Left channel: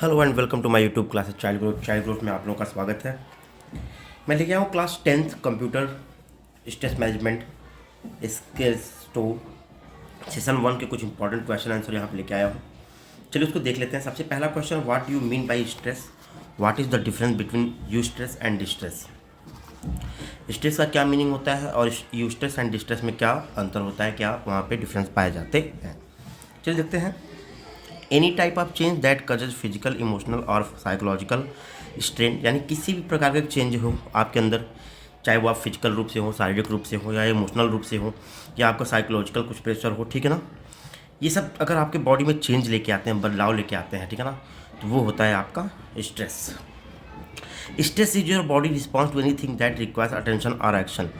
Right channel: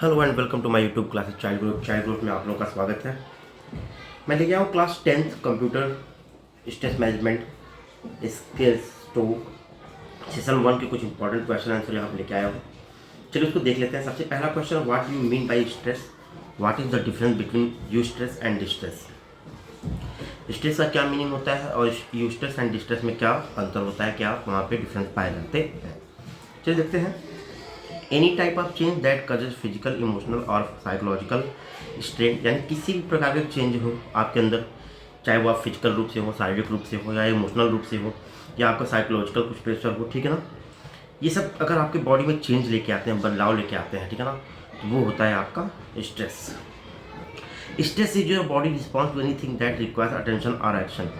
Hello and welcome to my YouTube classes child growth में आप लोगों का स्वागत है। मैं लेके आया हूँ class 10th computer stress management skills two session 1 के कुछ इंपॉर्टेंट क्वेश्चन आंसर यहाँ पे लेके आया हूँ। चलिए उसको देख लेते हैं। सबसे पहला question, what you mean by stress, what is the difference between you stress and distress. Stress का क्या मीनिंग होता है और यू स्ट्रेस एंड डिस्ट्रेस में क्या अंतर होता है, क्या वहाँ पे डिफरेंस पाए जाते हैं। चलिए देखते हैं। Any type of change that causes physical emotional और साइकोलॉजिकल स्ट्रेन, यानी किसी भी प्रकार का चेंज हो आपके अंदर, चाहे वो आप फिजिकल रूप से हो, शारीरिक रूप से हो या इमोशनल रूप से हो या आपका साइकोलॉजिकल कुछ प्रेशर हो, ठीक है ना। ये सब अगर आपके बॉडी में चेंज लेके आते हैं, बदलाव लेके आते हैं, ठीक है ना, तो वो होता है आपका stress. Stress is your body response to anything that requires attention और एक्शन,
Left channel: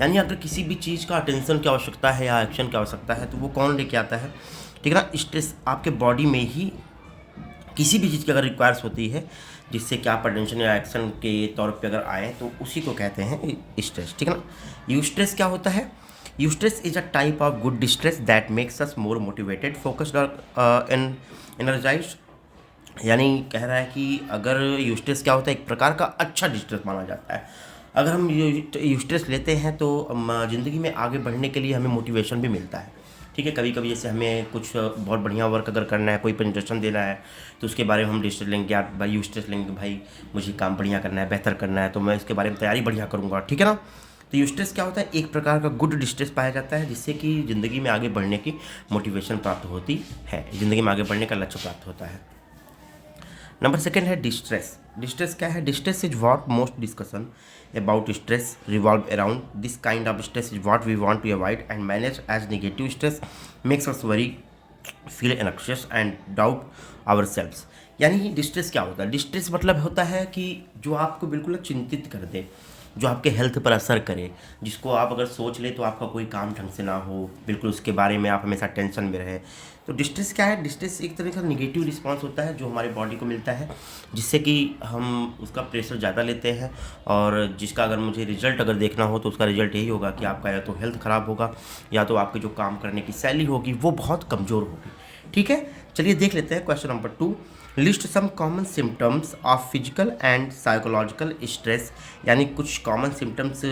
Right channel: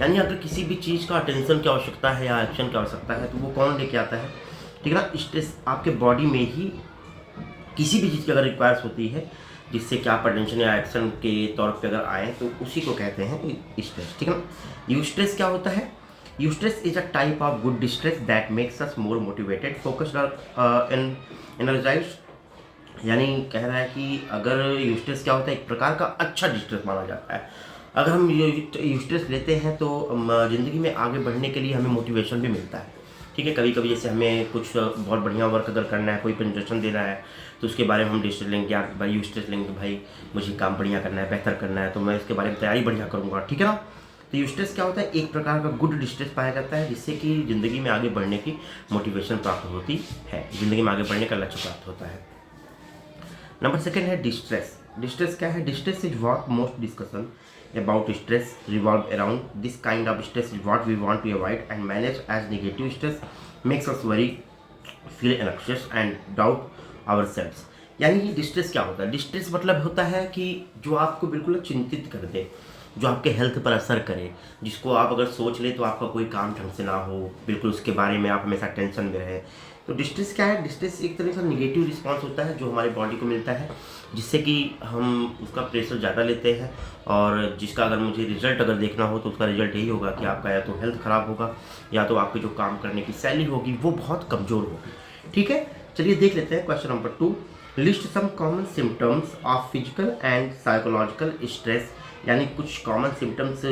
यानी अगर किसी भी चीज़ का अटेंशन की आवश्यकता है या एक्शन की आवश्यकता है तो वो कौन लेके आता है, ठीक है ना। स्ट्रेस आपके बॉडी में ही किसी भी चीज़ की अगर रिक्वायर्स होती है जिससे कि आप अटेंशन या एक्शन के तौर पे अगर आए तो उसी को कहते हैं स्ट्रेस, ठीक है ना। यूस्ट्रेस क्या होता है? Eustress is a type of good distress that makes us more motivated, focused और एनर्जाइज्ड। यानी कह रहा है कि अगर यूस्ट्रेस क्या होता है, एक प्रकार का अच्छा डिस्ट्रेस माना जाता है। अगर हम यूस्ट्रेस लेते हैं तो ज़िंदगी में आगे बढ़ने के लिए हमें मोटिवेशन भी मिलता है, ठीक है। कभी कभी जैसे हमें कुछ बहुत बढ़िया वर्क अगर करना है, कोई प्रेजेंटेशन देना है, तो उसके बारे में हम डिस्ट्रेस लेंगे, आप भाई यूस्ट्रेस लेंगे, भाई मुझे काम बढ़िया करना है, बेहतर करना है, तो मैं इसके बारे में तैयारी बढ़िया करूँगा, ठीक है ना। तो यूस्ट्रेस क्या होता है? एक प्रकार का गुड डिस्ट्रेस पाया जाता है जिससे कि ज़िंदगी में आगे बढ़ने की मोटिवेशन प्राप्त होती है, ज़िंदगी में आगे बढ़ने का लक्ष्य प्राप्त होता है। नंबर सेकेंड है डिस्ट्रेस। डिस्ट्रेस क्या है? Distress is what most discussion about stress revolve around. This kind of stress is what we want to avoid and manage, as negative stress makes us worry, feel anxious and doubt ourselves. यानी distress क्या होता है? Distress मतलब होता है कि जो आपको बिल्कुल चिंतित कर दे, जो आपके हेल्थ पर असर करे, जिसको आप अगर सोच ले तो आपका कोई काम ढंग से ना हो, बिल्कुल उसके बारे में आप हमेशा टेंशन में रहे। तो डिस्ट्रेस क्या है? डिस्ट्रेस एक तरह का निगेटिव रिस्पांस होता है जो हमारे बॉडी को मिलता है, जिससे कि हम उसका प्रेशर ज़्यादा लेते हैं और जिसका अगर मुझे रिजल्ट अगर देखना हो तो उसका रिजल्ट यही होगा कि आपका या तो हेल्थ ख़राब होगा या तो आपकी जो काम करने की शैली होगी वो बहुत कमज़ोर होगी, ठीक है। चलिए देख लेते हैं question number 2। List some common symptoms of physical and psychological stress, यानी कुछ कॉमन सिम्टम्स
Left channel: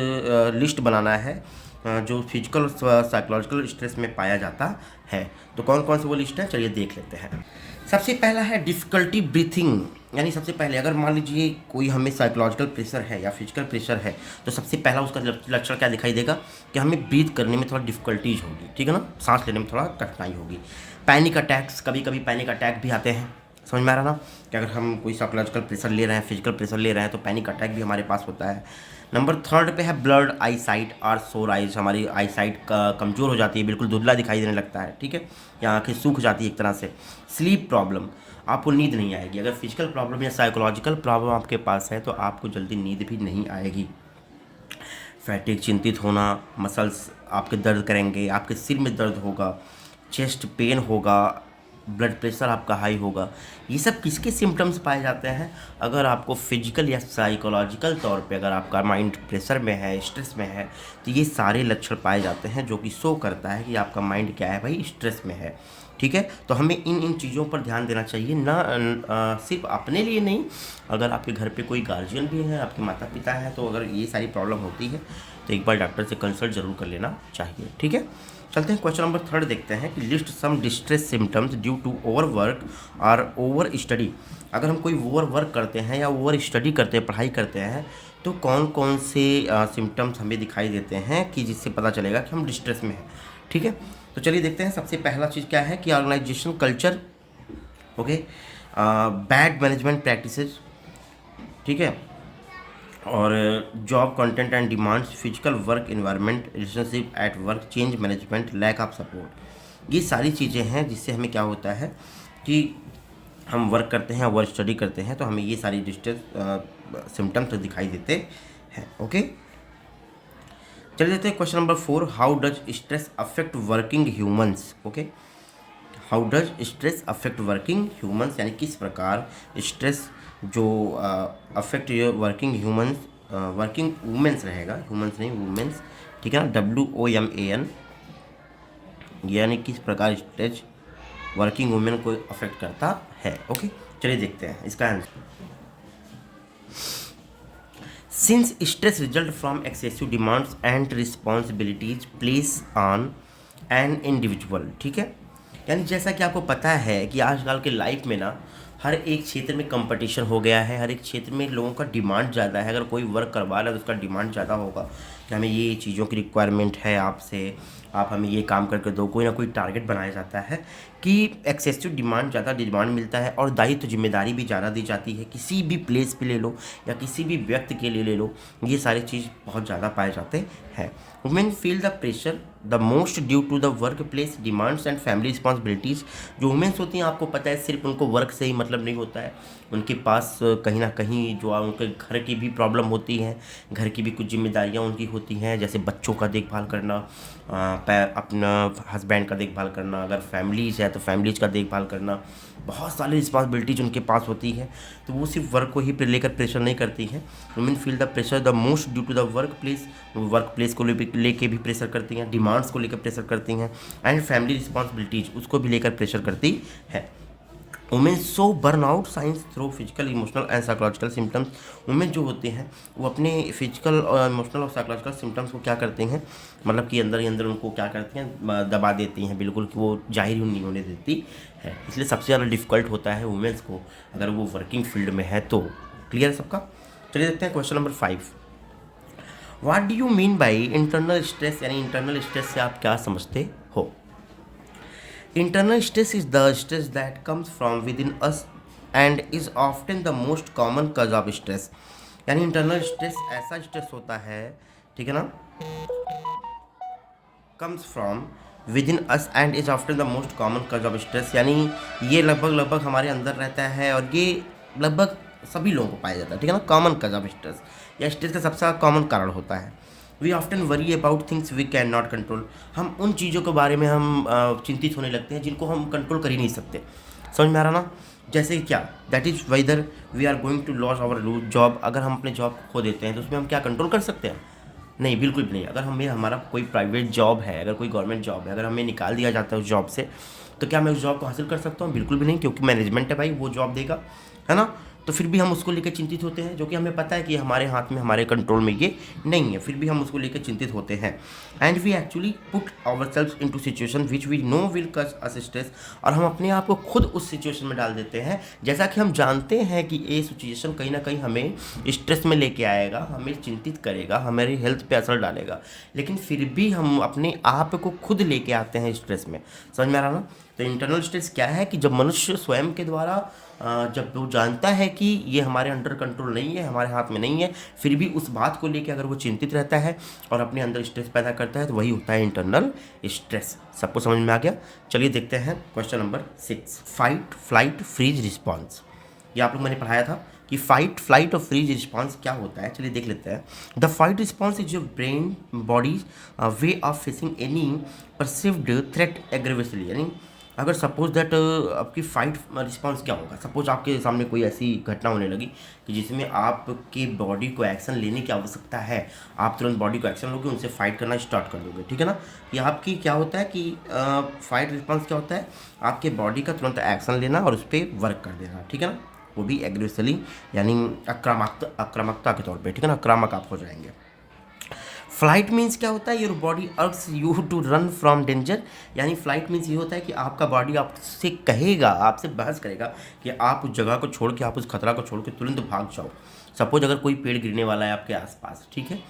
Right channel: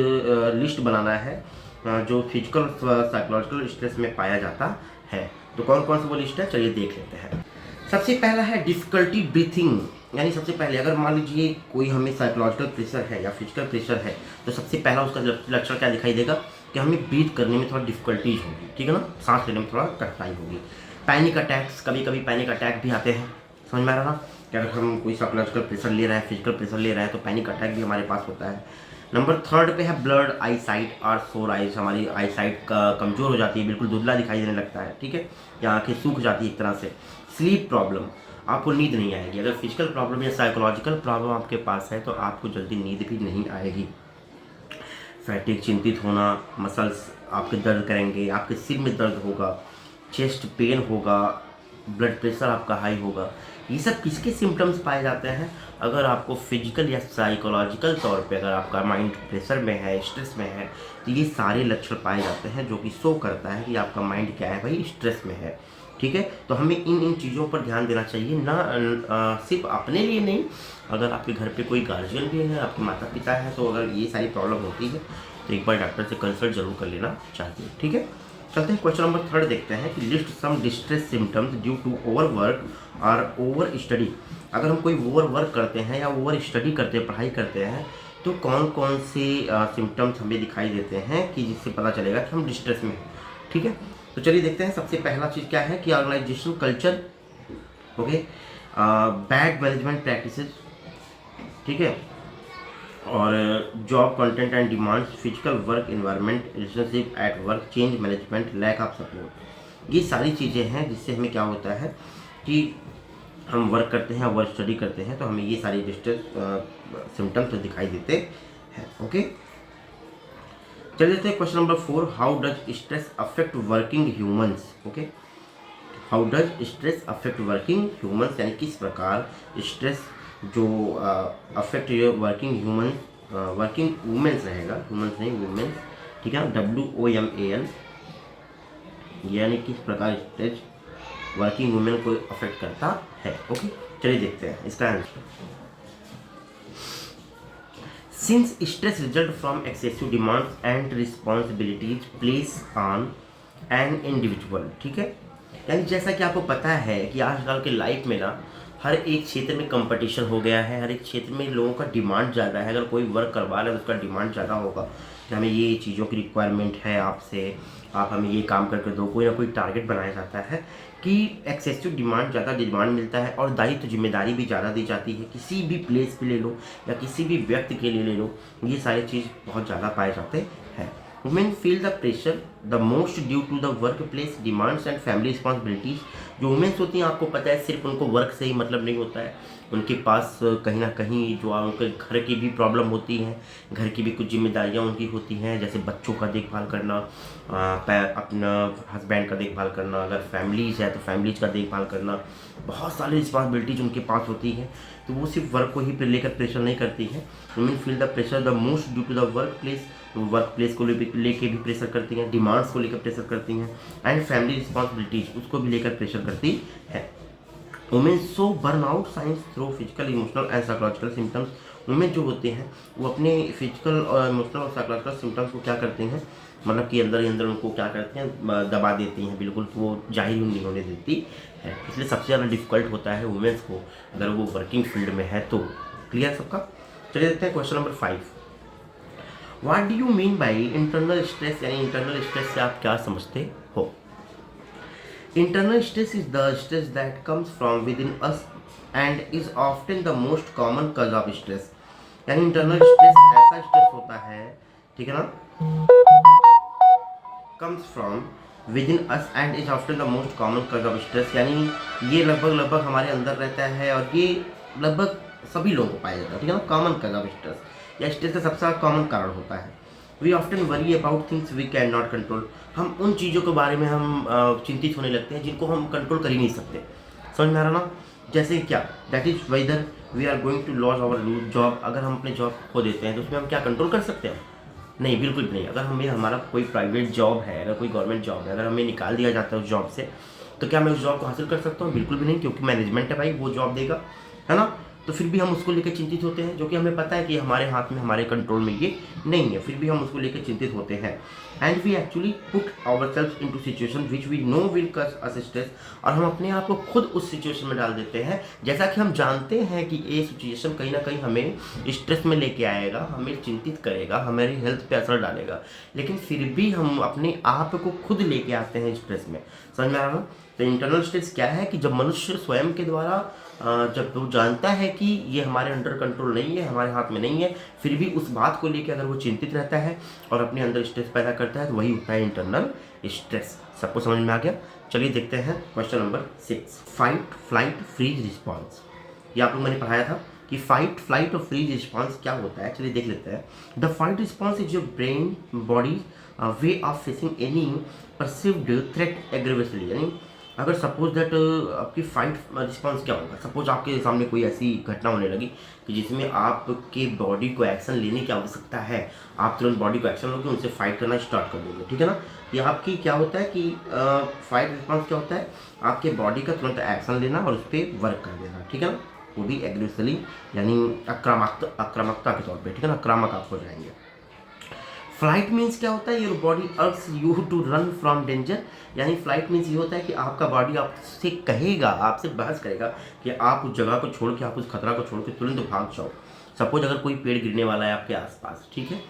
लिस्ट बनाना है जो फिजिकल साइकोलॉजिकल स्ट्रेस में पाया जाता है। तो कौन कौन से वो लिस्ट है, चलिए देख लेते हैं। सबसे पहला है डिफ़िकल्टी ब्रीथिंग, यानी सबसे पहले अगर मान लीजिए कोई हमें साइकोलॉजिकल प्रेशर है या फिजिकल प्रेशर है तो सबसे पहला उसका लक्षण क्या दिखाई देगा कि हमें ब्रीथ करने में थोड़ा डिफ़िकल्टीज होगी, ठीक है ना, सांस लेने में थोड़ा कठिनाई होगी। पैनिक अटैक्स, कभी कभी पैनिक अटैक भी आते हैं, समझ में आ रहा ना कि अगर हम कोई साइकोलॉजिकल प्रेशर ले रहे हैं, फिजिकल प्रेशर ले रहे हैं तो पैनिक अटैक भी हमारे पास होता है। नंबर 3 पे है ब्लड आई साइट और सोर आइज, हमारी आई साइट का कमज़ोर हो जाती है, बिल्कुल धुंधला दिखाई देने लगता है, ठीक है, या आँखें सूख जाती है एक तरह से। स्लीप प्रॉब्लम, आपको नींद नहीं आएगी। अगर फिजिकल प्रॉब्लम या साइकोलॉजिकल प्रॉब्लम आपके पास है तो आपको जल्दी नींद भी नहीं आएगी। फैटिक, चिंतित होना, मसल्स आपके दर्द करेंगे, आपके सिर में दर्द होगा, चेस्ट पेन होगा, ब्लड प्रेशर आपका हाई होगा। ये सब किसके सिम्टम्स पाए जाते हैं? अगर आपको फिजिकल या साइकोलॉजिकल तौर पे अगर आपका माइंड प्रेशर में है, स्ट्रेस में है, तो ये सारे लक्षण पाए जाते हैं जो कि शो करता है कि आपका माइंड क्या है भाई, स्ट्रेस में है, ठीक है। तो हमें इन चीज़ों पर ध्यान देना चाहिए ना, सिर्फ अपने लिए नहीं, अगर आपके घर पे कोई गार्जियन भी है, आपके माता पिता है, तो अगर ये सारी प्रॉब्लम होती है तो एक बार डॉक्टर से कंसल्ट जरूर कर लेना चाहिए, ठीक है। चलते हैं क्वेश्चन नंबर 3 देखते हैं कि list some distress symptoms due to over work और ओवर स्टडी। अगर हम कोई ओवर वर्क करते हैं या ओवर स्टडी करते हैं, पढ़ाई करते हैं, तो कौन कौन से सिम्टम्स हमें दिखाई देते हैं कि जिससे पता चलेगा कि हम डिस्ट्रेस में हैं, ठीक है। तो चलिए देखते हैं। सबसे पहला चीज़ क्या है कि organisation culture, okay, bad management practices, ठीक है, और job content and demands, physical work environment, relationship at work, change management, lack of support. ये सारी चीज़ें हैं जिससे हमें क्या होता है कि हम वर्क करते हैं, वर्क स्टडी करते हैं, तो हमें ये सारी डिस्ट्रेस सिम्टम्स दिखाई देते हैं, ओके। चलिए देखते हैं question number 4। How does stress affect working humans, okay. How does stress affect working humans, यानी किस प्रकार स्ट्रेस जो affect working humans, working women's रहेगा, ह्यूमंस नहीं वुमेंस, ठीक है ना, WOMAN, यानी किस प्रकार स्ट्रेस वर्किंग वुमेन को अफेक्ट करता है, ओके। चलिए देखते हैं इसका answer. Since stress result from excessive demands and responsibilities place on an individual, ठीक है। यानी जैसा कि आपको पता है कि आजकल के लाइफ में ना हर एक क्षेत्र में कंपटीशन हो गया है, हर एक क्षेत्र में लोगों का डिमांड ज़्यादा है। अगर कोई वर्क करवा रहा है तो उसका डिमांड ज़्यादा होगा कि हमें ये चीज़ों की रिक्वायरमेंट है आपसे, आप हमें ये काम करके दो। कोई ना कोई टारगेट बनाया जाता है कि एक्सेसिव डिमांड, ज़्यादा डिमांड मिलता है और दायित्व जिम्मेदारी भी ज़्यादा दी जाती है। किसी भी प्लेस पे ले लो या किसी भी व्यक्ति के लिए ले लो, ये सारी चीज़ बहुत ज़्यादा पाए जाते हैं। Women feel the pressure the most due to the work place demands and family responsibilities. जो वुमेन्स होती हैं, आपको पता है, सिर्फ उनको वर्क से ही मतलब नहीं होता है, उनके पास कहीं ना कहीं जो उनके घर की भी प्रॉब्लम होती हैं, घर की भी कुछ जिम्मेदारियां उनकी होती हैं, जैसे बच्चों का देखभाल करना, अपना हस्बैंड का देखभाल करना, अगर फैमिलीज है तो फैमिलीज का देखभाल करना, बहुत सारी रिस्पॉन्सिबिलिटीज उनके पास होती है। तो वो सिर्फ वर्क को ही लेकर प्रेशर नहीं करती है। Women feel the pressure the most due to the work place को लेके भी प्रेशर करती हैं, डिमांड्स को लेकर प्रेशर करती हैं, एंड फैमिली रिस्पॉन्सिबिलिटीज उसको भी लेकर प्रेशर करती है। Women so burn out science through physical emotional and psychological symptoms. Women जो होते हैं वो अपने फिजिकल और इमोशनल और साइकोलॉजिकल सिम्टम्स को क्या करते हैं, मतलब कि अंदर ही अंदर उनको क्या करते हैं, दबा देती हैं, बिल्कुल कि वो जाहिर नहीं होने देती है। इसलिए सबसे ज़्यादा डिफिकल्ट होता है वुमेन्स को अगर वो वर्किंग फील्ड में है तो। क्लियर है सबका? चलिए देखते हैं question number 5। What do you mean by internal stress, यानी इंटरनल स्ट्रेस से आप क्या समझते हो? Internal stress is the stress that comes from within us and is often the most common cause of stress। यानी इंटरनल स्ट्रेस ऐसा stress होता है, ठीक है ना, comes from within us and is often the most common cause of stress। यानी ये लगभग हमारे अंदर रहता है और ये लगभग सभी लोगों को पाया जाता है, ठीक है ना। कॉमन cause of stress या स्ट्रेस का सबसे कॉमन कारण होता है। We often worry about things we can not control. हम उन चीज़ों के बारे में हम चिंतित होने लगते हैं जिनको हम कंट्रोल कर ही नहीं सकते। समझ में आ रहा ना? जैसे क्या, that is whether we are going to loss our job. अगर हम अपने जॉब खो देते हैं तो उसमें हम क्या कंट्रोल कर सकते हैं? नहीं, बिल्कुल भी नहीं। अगर हमारा कोई प्राइवेट जॉब है, अगर कोई गवर्नमेंट जॉब है, अगर हमें निकाल दिया जाता है उस जॉब से, तो क्या मैं उस जॉब को हासिल कर सकता हूँ? बिल्कुल भी नहीं, क्योंकि मैनेजमेंट है भाई, वो जॉब देगा, है ना। तो फिर भी हम उसको लेकर चिंतित होते हैं, जो कि हमें पता है कि हमारे हाथ में, हमारे कंट्रोल में ये नहीं है, फिर भी हम उसको लेकर चिंतित होते हैं। And we actually put our self in situation which we know will cause us stress. और हम अपने आप को खुद उस सिचुएशन में डाल देते हैं, जैसा कि हम जानते हैं कि ये सिचुएशन कहीं ना कहीं हमें स्ट्रेस में लेके आएगा, हमें चिंतित करेगा, हमारी हेल्थ पे असर डालेगा, लेकिन फिर भी हम अपने आप को खुद लेके आते हैं स्ट्रेस में। समझ में आ रहा ना? तो इंटरनल स्ट्रेस क्या है कि जब मनुष्य स्वयं के द्वारा जब वो जानता है कि ये हमारे अंडर कंट्रोल नहीं है, हमारे हाथ में नहीं है, फिर भी उस बात को लेकर अगर वो चिंतित रहता है और अपने अंदर स्ट्रेस पैदा करता है, तो वही होता है इंटरनल स्ट्रेस। सबको समझ में आ गया? चलिए देखते हैं question number 6। Fight flight freeze response. ये आप लोग मैंने पढ़ाया था कि फाइट फ्लाइट और फ्रीज रिस्पॉन्स क्या होता है। चलिए देख लेते हैं। The fight response is your brain body way of facing any perceived threat aggressively. यानी अगर सपोज दैट आपकी फाइट रिस्पॉन्स क्या होगा, सपोज आपके सामने कोई ऐसी घटना होने लगी कि जिसमें आपके बॉडी को एक्शन लेने की आवश्यकता है, आप तुरंत बॉडी को एक्शन लोगे, उनसे फाइट करना स्टार्ट कर दोगे, ठीक है ना। ये आपकी क्या होता है कि फाइट रिस्पॉन्स क्या होता है, आपके बॉडी का तुरंत एक्शन लेना और उस पर वर्क कर देना, ठीक है ना, वो भी एग्रेसिवली, यानी आक्रामकता के तौर पर, ठीक है ना, आक्रामक आप हो जाएंगे। फ्लाइट मीन्स क्या होता है, your body urges you to run from danger. यानी फ्लाइट मीन्स ये होता है कि आपका बॉडी आपसे कहेगा, आपसे बहस करेगा कि आप उस जगह को छोड़ के, आप उस खतरा को छोड़ के तुरंत भाग जाओ। सपोज अगर कोई पेड़ गिरने वाला है आपके आसपास, ठीक है,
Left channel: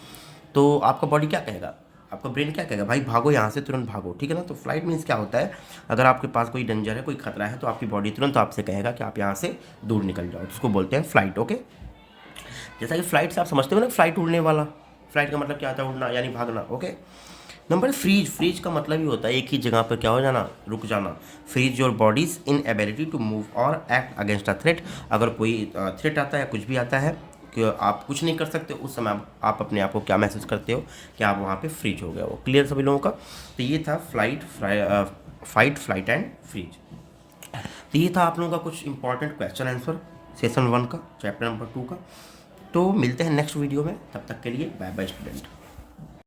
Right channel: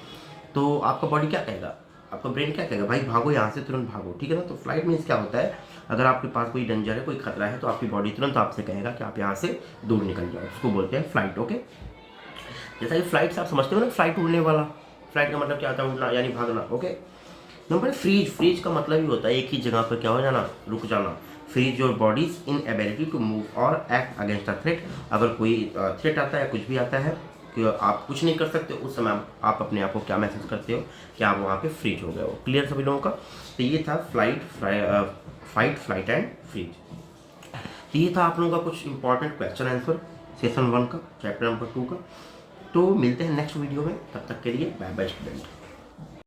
तो आपका बॉडी क्या कहेगा, आपका ब्रेन क्या कहेगा, भाई भागो यहाँ से, तुरंत भागो, ठीक है ना। तो फ्लाइट मीन्स क्या होता है, अगर आपके पास कोई डेंजर है, कोई खतरा है, तो आपकी बॉडी तुरंत आपसे कहेगा कि आप यहाँ से दूर निकल जाओ, उसको बोलते हैं फ्लाइट। ओके, जैसा कि फ्लाइट से आप समझते हो ना, फ्लाइट उड़ने वाला, फ्लाइट का मतलब क्या होता है, उड़ना यानी भागना। Okay, number freeze. फ्रीज का मतलब ही होता है एक ही जगह पर क्या हो जाना, रुक जाना। Freeze your body's inability to move और एक्ट अगेंस्ट अ थ्रेट। अगर कोई थ्रेट आता है, कुछ भी आता है कि आप कुछ नहीं कर सकते, उस समय आप अपने आप को क्या महसूस करते हो कि आप वहाँ पे फ्रीज हो गए हो। क्लियर सभी लोगों का? तो ये था फाइट फ्लाइट एंड फ्रीज। तो ये था आप लोगों का कुछ इंपॉर्टेंट क्वेश्चन आंसर सेशन 1 का, चैप्टर नंबर 2 का। तो मिलते हैं नेक्स्ट वीडियो में, तब तक के लिए बाय बाय स्टूडेंट।